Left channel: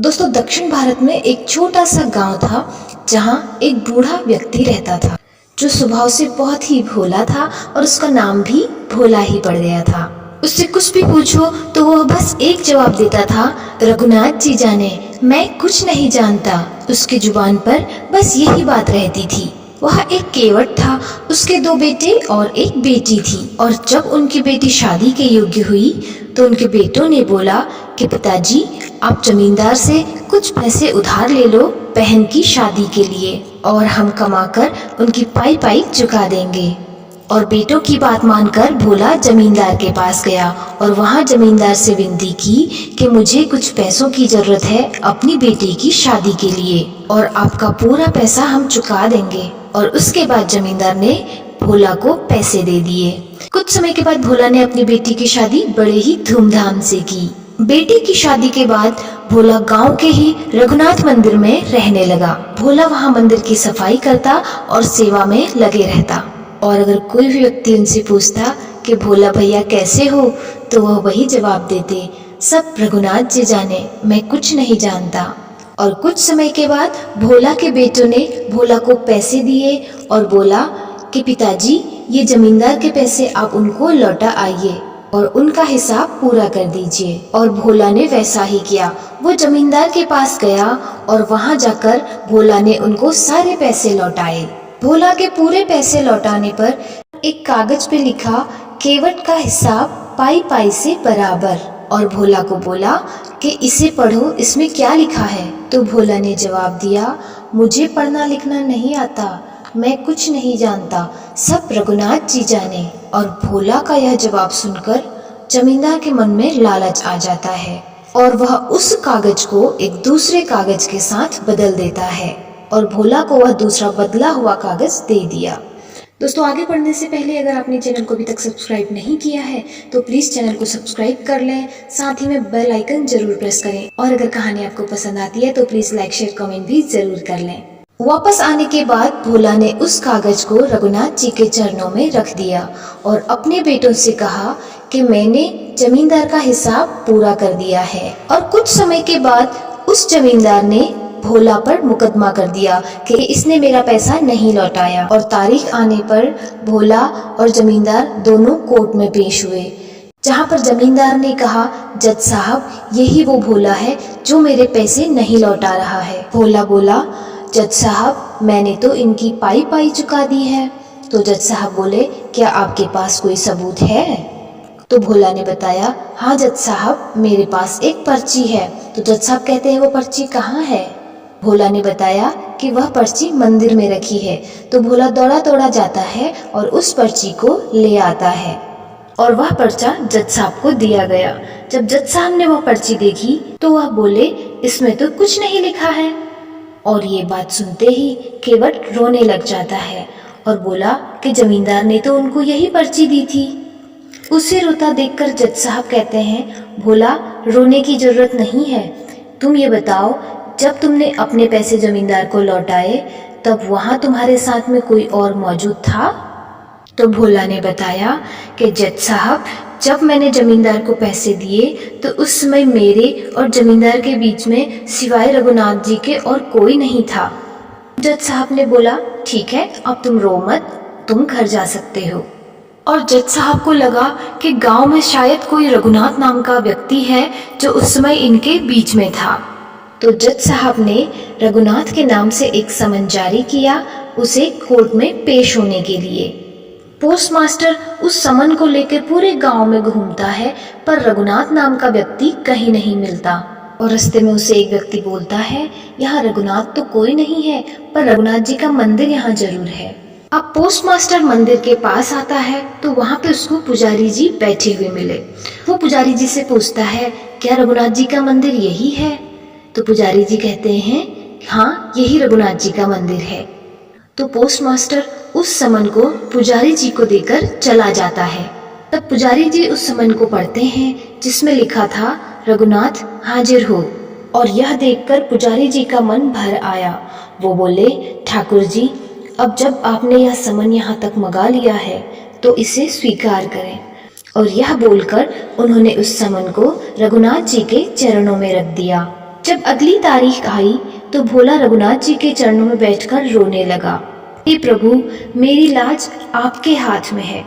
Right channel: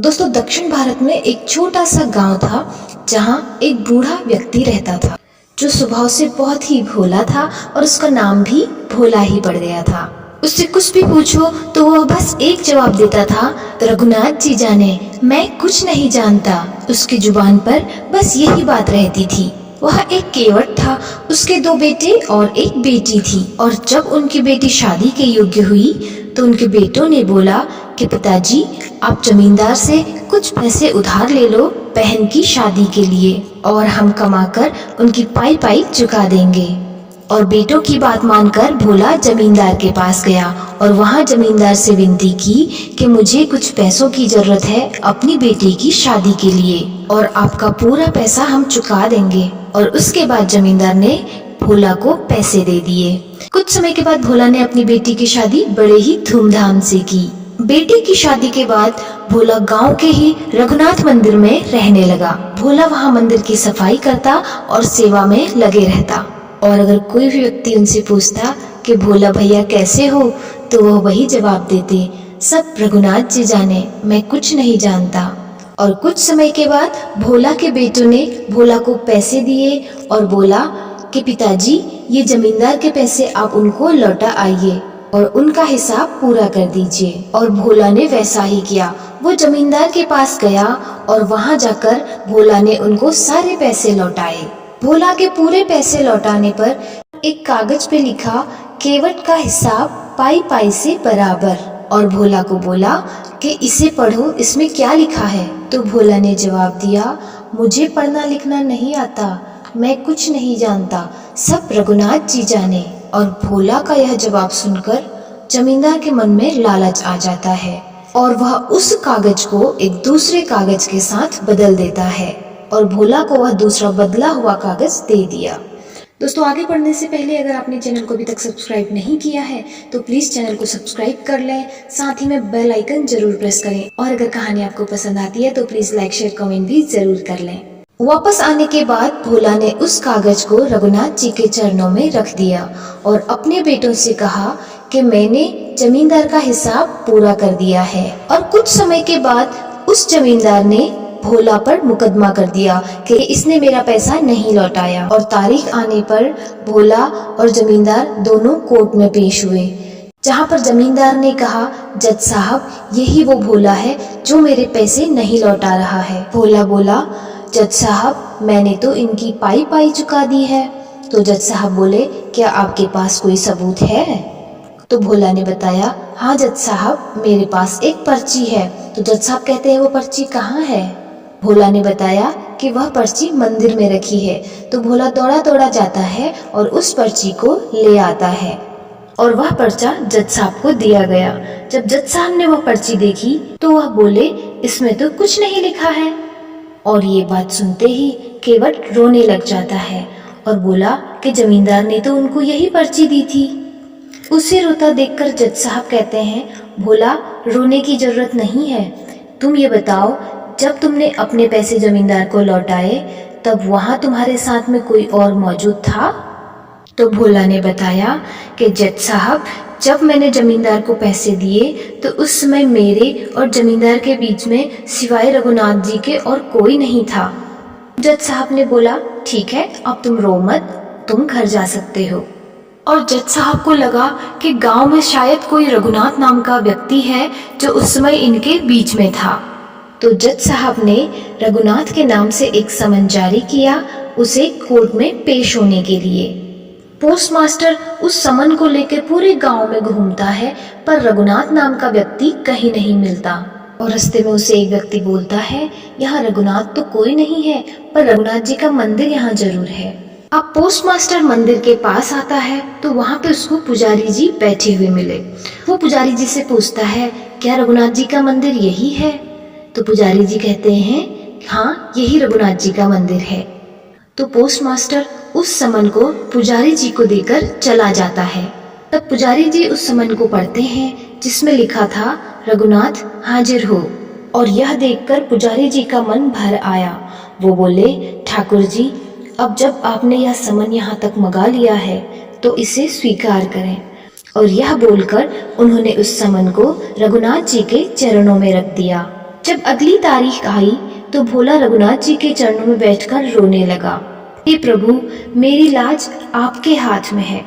दोस्तों, दक्षिण भारत में एक छोटा सा गांव था जहां एक बूढ़ा व्यक्ति रहता था जो स्वभाव से बहुत ही भोला था और उसका नाम भी भोला ही पड़ गया था। उससे कुछ भी पूछो तो वह बस एक जवाब देता था, रघुनाथ जी जाने, मैं कुछ नहीं जानता। उसकी जुबान पर बस यही बात रहती थी। वह एक केवट था, उसके 2 बेटे और एक बेटी थी। और जब उनकी बेटी शादी के योग्य हुई तो उनके बेटों ने बोला कि पिताजी, आप जमींदार से कुछ पैसे उधार ले लो बहन की शादी के लिए और हम कमाकर उनकी पाई पाई चुका देंगे। और बेटों की बात मानकर भोला जमींदार के पास गया और वहां जमींदार से विनती की कि मुझे कुछ पैसों की जरूरत है अपनी बेटी की शादी के लिए और आपका पूरा पैसा हम चुका देंगे। और उसके बाद जमींदार ने भोला को पैसे दे दिए। कुछ समय के बाद भोला ने अपनी बेटी की शादी बड़े ही धूमधाम से की। बेटी की शादी के बाद भोला गांव के ही रघुनाथ मंदिर में रहने लगा। भोला वहां मंदिर की सफाई करता और सेवा में लगे रहता। और अगर कोई भी व्यक्ति उनसे पूछता कि भोला भैया कैसे हो, तो वह वही जवाब देते, सब रघुनाथ जी जाने, मैं कुछ नहीं जानता। और कुछ समय के बाद भोला के बेटों ने भोला को पैसे दिए और बोला कि पिताजी, ये जमींदार के पैसे आप उनको लौटा आइए और उनका हिसाब पूरा कर दीजिए। और भोला ने वैसा ही किया। वो जमींदार के पास गया और वहां जाकर भोला ने उनको सारे पैसे लौटाए। भोला के पूरे पैसे लौटाने पर एक कागज पे लिखा, केवट का हिसाब पाई पाई से बराबर। और भोला को बोला कि इसे पढ़ो, इसमें क्या लिखा है। तो भोला ने जवाब दिया, मुझे पढ़ना लिखना नहीं आता, मैं कुछ नहीं जानता, सब रघुनाथ जी जाने। और भोला का यह जवाब सुनकर जमींदार के मन में लालच आ जाता है और वह उस कागज को एक दूसरे कागज के साथ बदल देता है और भोला को वह दूसरा बदला हुआ कागज दे दिया। दोस्तों, आगे बढ़ने से पहले अगर आपने चैनल को अभी तक सब्सक्राइब नहीं किया है तो प्लीज़ चैनल को सब्सक्राइब कर लें, साथ ही में बेल आइकन जरूर प्रेस करें। और अगर कहानी आपको पसंद आती है तो प्लीज़ लाइक शेयर कमेंट भी जरूर कर लें। वापस आने के बाद भोला ने उस कागज को रघुनाथ जी के चरणों में रख दिया और अपने बेटों से कहा कि मैंने जमींदार का हिसाब पूरा कर दिया है। और कुछ समय के बाद उस जमींदार ने भोला पर मुकदमा कर दिया कि इसने मेरा पैसा नहीं लौटाया। और तारीख आने पर भोला और जमींदार दोनों कोर्ट में पेश हुए, जहां पर जमींदार ने कहा, जज साहब, यही वो भोला है जो मेरे पैसे नहीं लौटा रहा है। भोला बोला, जज साहब, मैंने तो इनकी पाई पाई चुका दी है। तो जज साहब बोले, क्या आपके पास कोई सबूत है? तो भोला ने बताया, हाँ जज साहब, मेरे पास एक पर्ची है। तो जज साहब कहते हैं, वो पर्ची कहाँ है? भोला ने बताया कि वह पर्ची मंदिर में रखी है। तो भोला दौड़ा दौड़ा जाता है और उस पर्ची को ले आता है और वह पर्चा जज साहब को दिया गया। जब जज साहब ने वह पर्ची देखी तो वह बोले, इसमें तो कुछ नहीं लिखा है। और ये बात सुनते ही केवट रोने लग जाता है और बोला कि जमींदार ने तो उनको यही पर्ची दी थी। उसे रोता देखकर जज साहब कहते हैं, भोला, रोने की जरूरत नहीं है। तुम ये बताओ, जब तुमने अपने पैसे जमींदार को लौटाए तब वहां तुम्हारे साथ में कोई और मौजूद था? तो भोला ने बताया कि जज साहब, जब मैंने जमींदार को पैसे दिए तो उस समय मेरे और जमींदार के बीच में सिवाय रघुनाथ जी के और कोई नहीं था। जज साहब ने बोला, ठीक है, अब तुम रो मत, तुम घर जा सकते हो। और जज साहब को लगा कि गांव में शायद कोई रघुनाथ नाम का व्यक्ति है जो उस समय इनके बीच में था। तो जज साहब ने रघुनाथ के नाम से एक समन जारी किया उसे कोर्ट में पेश होने के लिए। पोस्टमास्टर उस समन को लेकर पूरे गांव में घूमता है पर रघुनाथ नाम का व्यक्ति कहीं नहीं मिलता। और रास्ते में उसे एक व्यक्ति बोलता है, यहाँ रघुनाथ तो कोई नहीं है पर रघुनाथ जी का मंदिर यहाँ जरूर है। अब पोस्टमास्टर मंदिर के पास आता है तो वहाँ पे उसको पुजारी जी बैठे हुए मिले। वो पुजारी जी से पूछता है, क्या रघुनाथ जी का मंदिर यही है? तो पुजारी जी कहते हैं, हाँ, यही रघुनाथ जी का मंदिर है। तो पोस्टमास्टर उस समन को पुजारी जी को देकर चला जाता है। तब पुजारी जी उस समन को पढ़ते हैं जिसमें लिखा था, रघुनाथ हाजिर हो। और यह देखकर पुजारी जी का मन भर आया। वो बोले, ठाकुर जी, अब जब आपने यह समन यहाँ तक मंगा लिया है तो इसे स्वीकार करें। और यह बोलकर उन्होंने उस समन को रघुनाथ जी के चरणों में रख दिया। जब अगली तारीख आई तो भोला रघुनाथ जी के चरणों में बैठकर रोने लगा। हे प्रभु, मेरी लाज आपके हाथ में है,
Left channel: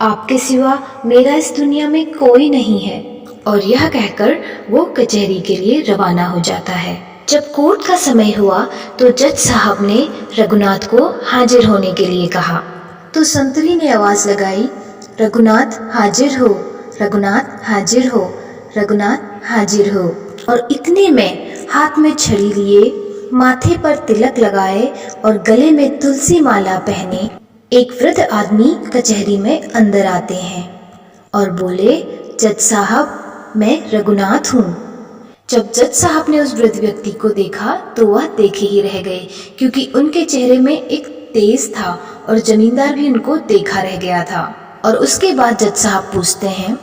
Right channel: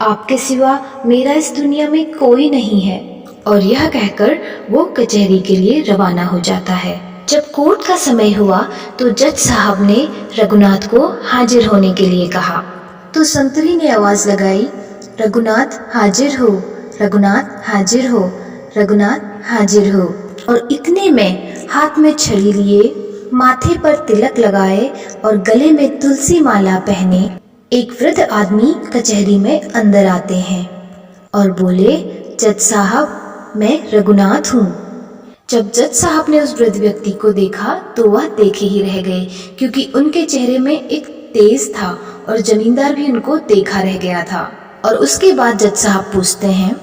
आपके सिवा मेरा इस दुनिया में कोई नहीं है। और यह कहकर वो कचहरी के लिए रवाना हो जाता है। जब कोर्ट का समय हुआ तो जज साहब ने रघुनाथ को हाजिर होने के लिए कहा तो संतरी ने आवाज लगाई, रघुनाथ हाजिर हो, रघुनाथ हाजिर हो, रघुनाथ हाजिर हो। और इतने में हाथ में छड़ी लिए, माथे पर तिलक लगाए और गले में तुलसी माला पहने एक वृद्ध आदमी कचहरी में अंदर आते हैं और बोले, जज साहब, मैं रघुनाथ हूँ। जब जज साहब ने उस वृद्ध व्यक्ति को देखा तो वह देखे ही रह गए, क्योंकि उनके चेहरे में एक तेज था और जमींदार भी उनको देखा रह गया था। और उसके बाद जज साहब पूछते हैं,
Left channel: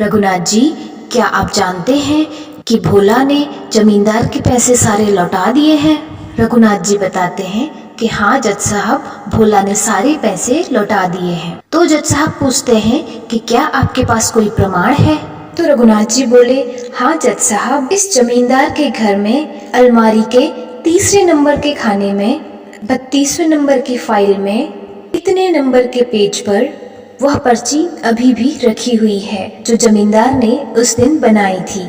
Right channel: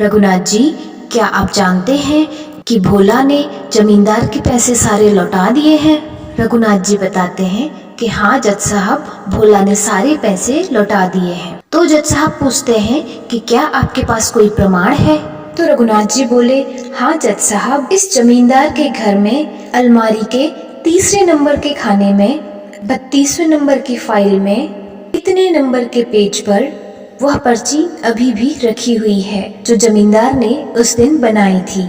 रघुनाथ जी, क्या आप जानते हैं कि भोला ने जमींदार के पैसे सारे लौटा दिए हैं? रघुनाथ जी बताते हैं कि हाँ जज साहब, भोला ने सारे पैसे लौटा दिए हैं। तो जज साहब पूछते हैं कि क्या आपके पास कोई प्रमाण है? तो रघुनाथ जी बोले, हाँ जज साहब, इस जमींदार के घर में अलमारी के तीसरे नंबर के खाने में 32वें नंबर की फाइल में इतने नंबर के पेज पर वह पर्ची अभी भी रखी हुई है जो जमींदार ने उस दिन बनाई थी।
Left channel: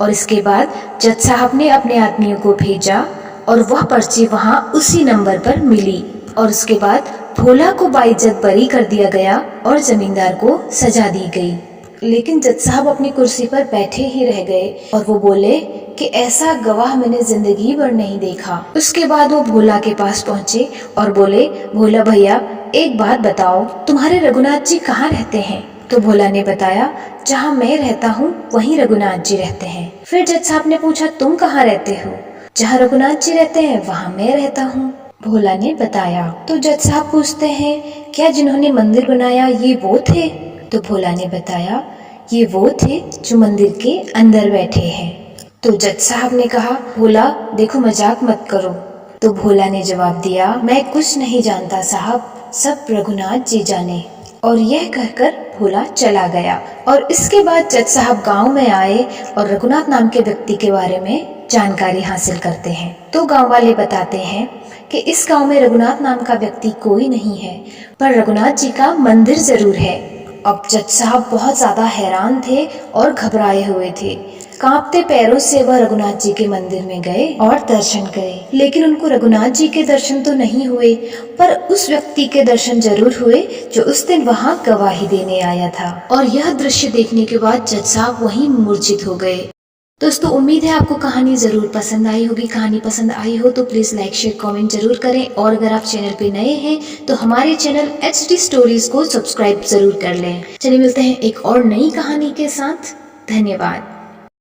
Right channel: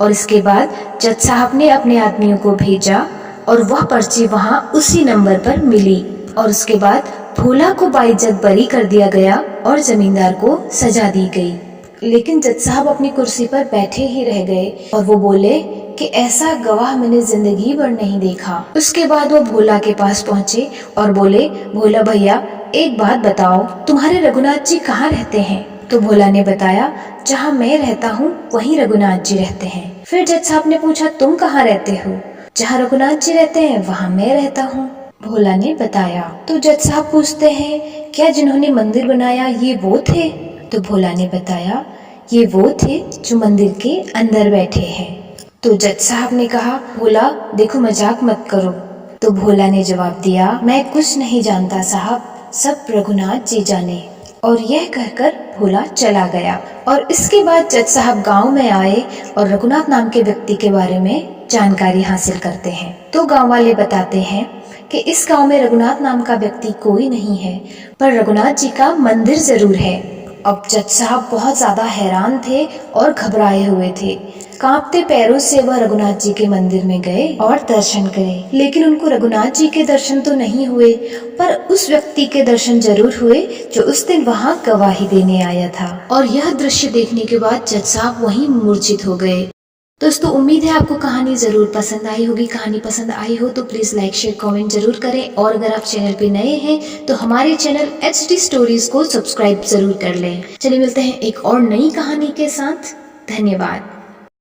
और इसके बाद जज साहब ने अपने आदमियों को भेजा और वह पर्ची वहाँ उसी नंबर पर मिली। और उसके बाद भोला को बाइज्जत बरी कर दिया गया और जमींदार को सजा दी गई। लेकिन जज साहब अपनी कुर्सी पर बैठे ही रह गए और वो बोले कि ऐसा गवाह मैंने जिंदगी भर नहीं देखा। उसके बाद वो भोला के पास पहुँचे और बोले, भोला भैया, एक बात बताओ, तुम्हारे रघुनाथ जी कहाँ रहते हैं? तो भोला ने बताया, जहाँ मैं रहता हूँ वहीं रघुनाथ जी रहते हैं। फिर जज साहब ने पूछा, तुम कहाँ रहते हो? जहाँ रघुनाथ जी रहते हैं वहाँ मैं रहता हूँ, भोला ने बताया। तो जज साहब पूछते हैं, क्या जिन्होंने मंदिर बनाया ये वो थे? तो भोला ने बताया, ये वो थे जो मंदिर के अंदर बैठे हैं। तो जज साहब ने कहा, भोला देखो, मजाक मत करो। तो भोला ने जवाब दिया, मैं कुछ नहीं जानता साहब, सब रघुनाथ जी जाने। और यह कहकर भोला चला गया। और इसके बाद जज साहब गांव में आए और रघुनाथ नाम के व्यक्ति के बारे में जानकारी हासिल करते हैं। तो गांव वाले बताते हैं कि इस गांव में रघुनाथ नाम का व्यक्ति कोई नहीं है, पर रघुनाथ जी का मंदिर जरूर है। अब जज साहब बहुत ज्यादा हैरान थे और घबराए हुए थे। कांपते पैरों से वह रघुनाथ जी के मंदिर में गए और दर्शन करे, लेकिन उनको रघुनाथ जी के दर्शन तो नहीं हुए, पर उस व्यक्ति के दर्शन जरूर हुए जो उस दिन वहां गवाही देने आया था। और यह दृश्य देखने के बाद जज साहब वहीं मूर्छित हो गए। दोस्तों, उम्मीद है आपको कहानी जरूर पसंद आई होगी। कहानी पसंद आई हो तो प्लीज लाइक, शेयर, कमेंट जरूर करें। और अगर आप चैनल पे नए हैं तो हमारे चैनल HD स्टोरीज को सब्सक्राइब जरूर कर लें। चलिए मिलते हैं एक और नई कहानी के साथ। धन्यवाद।